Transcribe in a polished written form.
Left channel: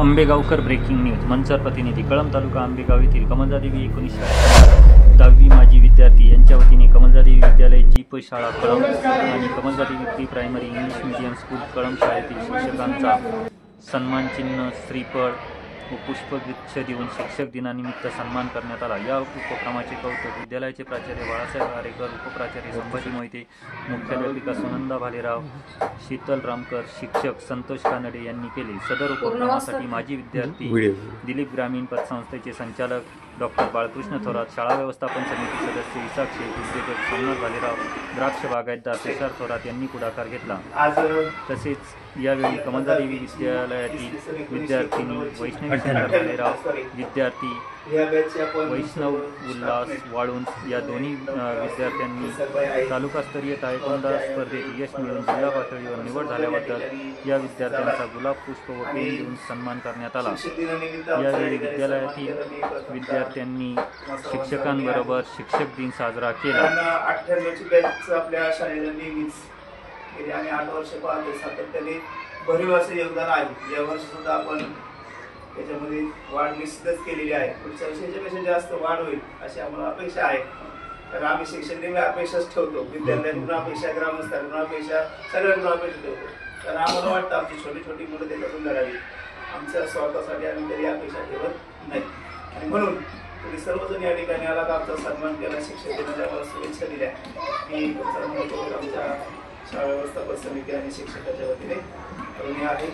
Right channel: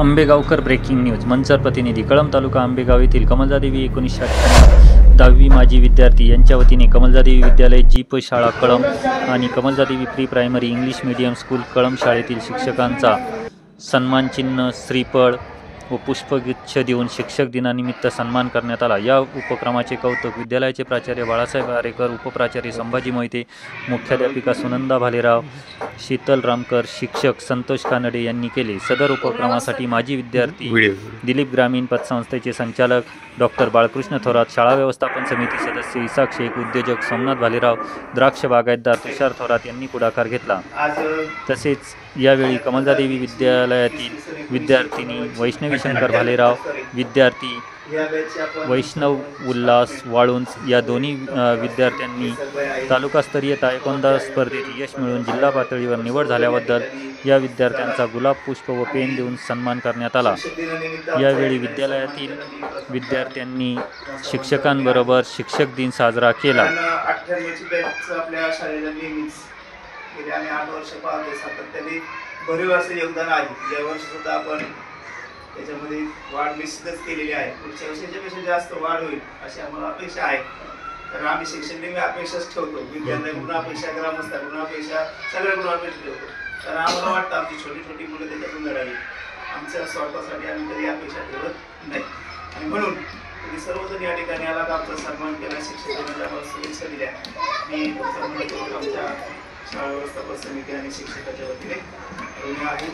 Ambegaonkar breaking news Manchar प्रतिनिधी कळंब तालुका आंबेगाव येथील कमलजादेवी 1998 10वी माजी विद्यार्थी यांच्या वतीने कमलजादेवी विद्यालय जीप शाळा कळंब आणि Kamaljadevi pre primary English medium school Kalamb शाळेतील शिक्षकांचा सन्मानचिन्ह श्रीफळ व पुष्पगुच्छ देऊन शिक्षक दिनानिमित्त सन्मान करण्यात आला। या उपक्रमाचे कौतुक विद्यालयाचे प्राचार्य बाळासाहेब आरेकर, उपप्राचार्य संभाजी मोहिते, मुख्याध्यापिका सुनंदा भालेराव, शीतल रामकर, शिक्षक संतोष कानडे यांनी केले। सदर उपक्रमासाठी माजी विद्यार्थी दिलीप ग्रामीण पतसंस्थेचे संचालक डॉक्टर बाळकृष्ण थोरात, शाळा व्यवस्थापन समिती सदस्य इसाक शेख, उद्योजक सोमनाथ भालेराव, द्राक्ष बागायतदार तुषार थोरात यांनी पुढाकार घेतला। तसेच यावेळी कमलजादेवी विद्यालयातील विद्यार्थिनी वैष्णवी शंकर भालेराव, विद्यार्थी वैष्णव उल्हास वाळुंज या दोन्ही विद्यार्थ्यांनी तालुकास्तरीय तायकोंदा स्पर्धेत यश मिळवून जिल्हा पातळीवर निवड झाल्याबद्दल या विद्यार्थ्यांचा गुलाब पुष्प व पेन देऊन सन्मान करण्यात आला। यावेळी विद्यालयातील विद्यार्थ्यांनी शिक्षकांबरोबर शिक्षक दिन साजरा केला। आपल्या शाळेला गेली आम्ही 8 वर्ष पाहतोय, सातत्याने भरीव असं योगदान आहे। या वर्षी सुद्धा आपण त्याच्यामध्ये वाढ निश्चितच केलेली आहे। पुढच्या वर्षाच्यापेक्षा जास्त वाढ होईल अशी आम्हाला अपेक्षा आहे। कारण आम्ही शिक्षण नेहमी अपेक्षाच ठेवतो, विद्यार्थ्यांकडून अपेक्षा, ग्रामस्थांकडून अपेक्षा, सगळ्यांकडून अपेक्षा ठेवतो। कारण आम्हाला वाटतं आमची छोटी छोटी मुलं त्याच्यातून घडावी, आमच्या स्वतःसाठी आम्ही कधी अपेक्षा ठेवत नाही। आणि म्हणून तुम्ही सर्वजण या ठिकाणी आलात, आमचा सन्मान केला, शिक्षक दिनाच्या आम्हाला शुभेच्छा दिल्या। मी तुमचा मनपूर्वक आमच्या शाळा व्यवस्थापन समिती आणि शिक्षकाच्या वतीने आहे।